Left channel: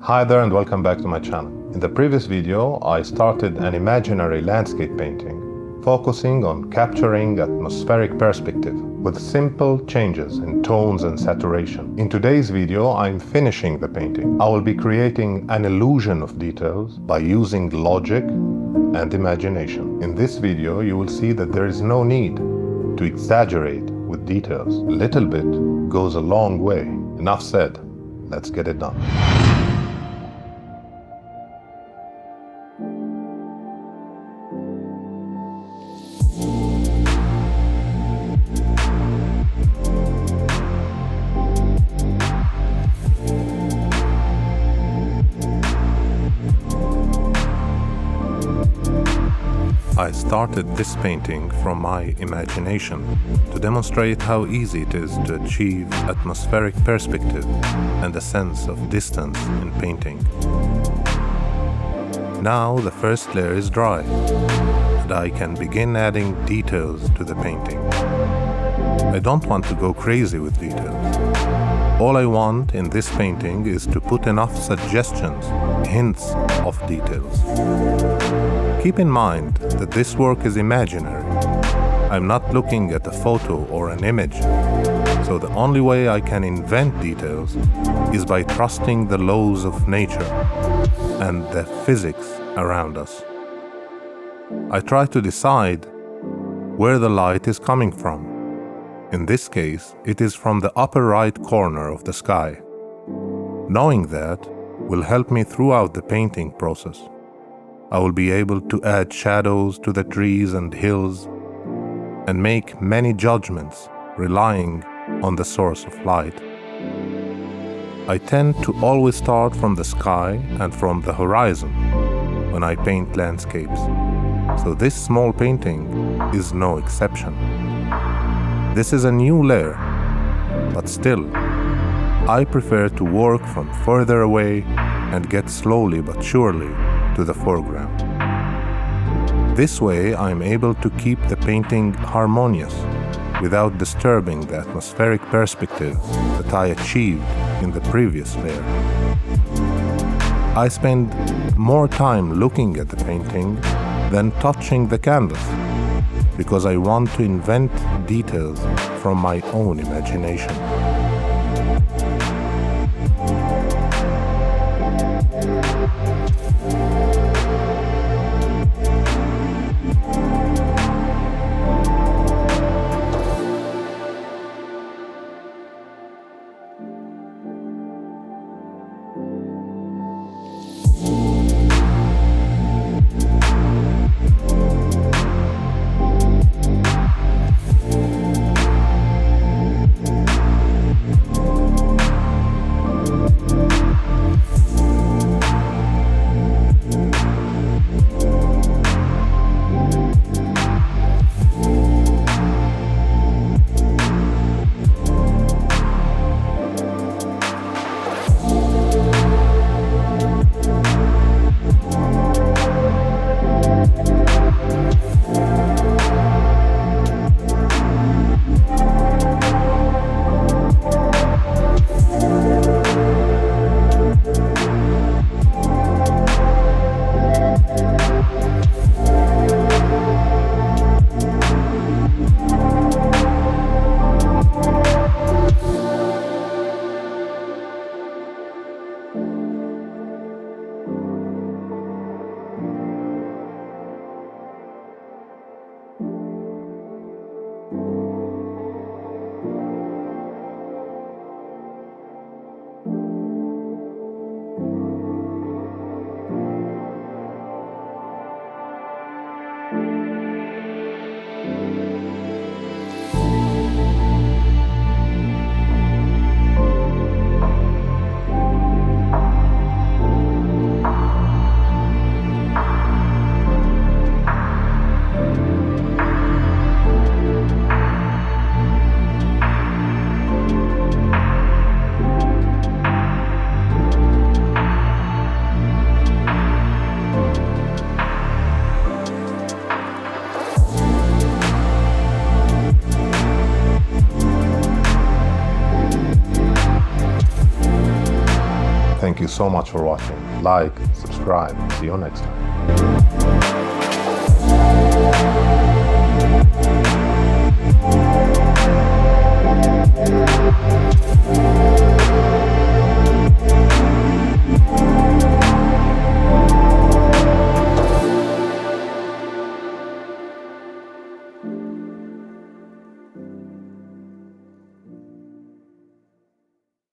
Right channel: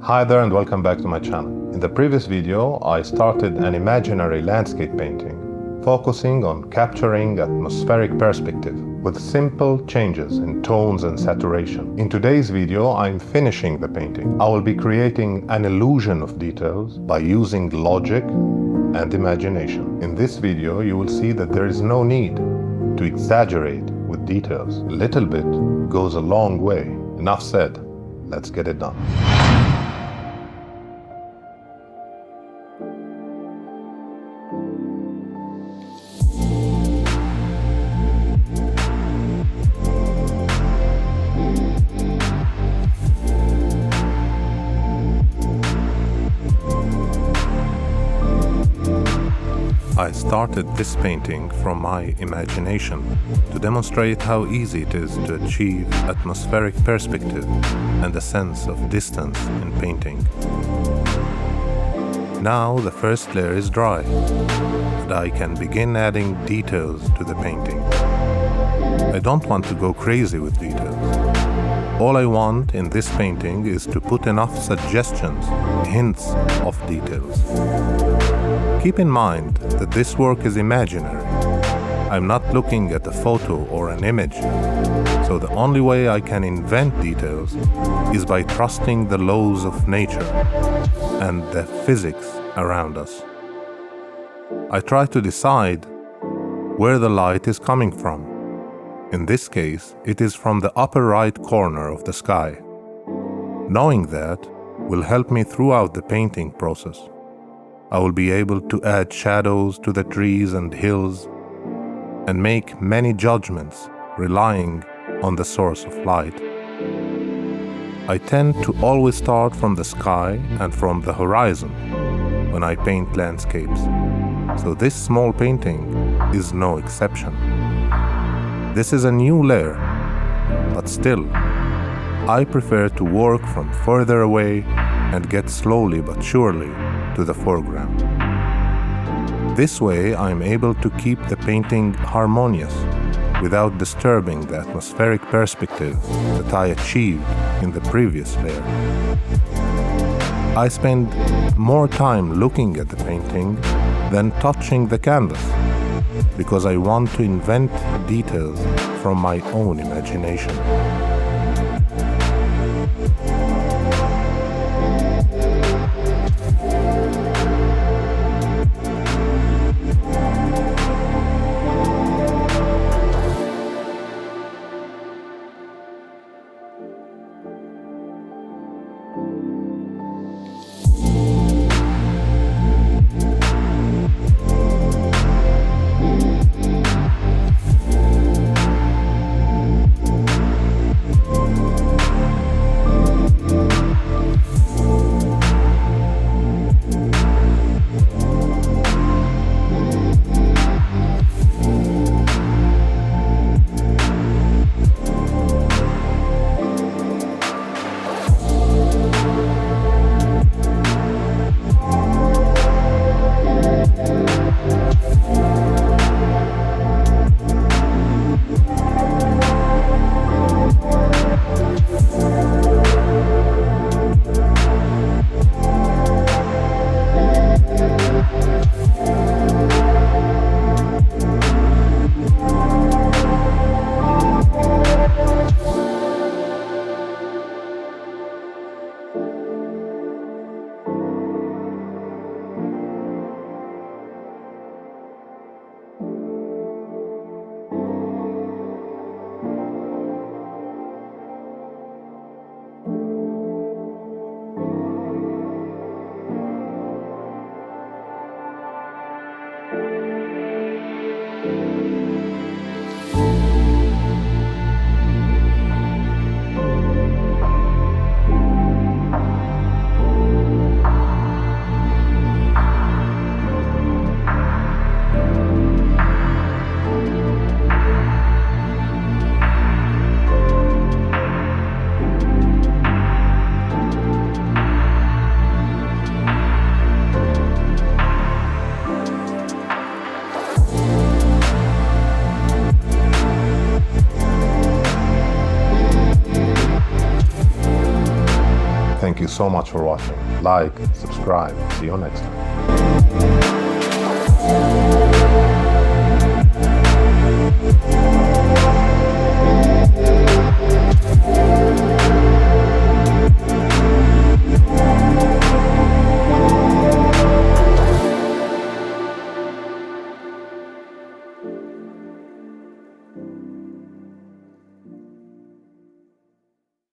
Hi there and welcome back to my channel. In the previous video, I started an imaginary landscape painting, focusing on capturing atmospheric perspective with simple changes in tones and saturation. In today's video, I'm finishing the painting. I will be creating an illusion of details by using logic and imagination. In this video, you will see that there is no need to exaggerate with details. A little bit goes a long way. Enough said. Let's get it done. I started this painting from my imagination to demonstrate how easy it is to achieve atmospheric perspective and a sense of distance in painting. Now the first layer is dry, and I can begin adding details to the painting. I don't want to go crazy with details. All I want in this painting is to put enough suggestions, hints of details. Keep in mind that this work is imaginary. I'm not looking at a photo or an image, so the only way I can invent details is by trusting the laws of nature and the physics around us. I try to decide where the light is coming from. In this case, it is from the upper right corner of the sky. Knowing that will help me throughout the painting process. I will be able to add shadows to the trees and hills and make many judgments relying on the source of light. I tend to always start from the sky and from the horizon when I paint landscapes, so this small painting is no exception. This is a new layer, but still, I prefer to work from further away and get slowly but surely to the foreground. This way, I'm able to keep the painting harmonious without disturbing the atmospheric perspective that I achieved in the previous layer. I spend more time looking at the painting than touching the canvas because I want to invent details from my own imagination. you so much for watching. Like, subscribe. See you next time.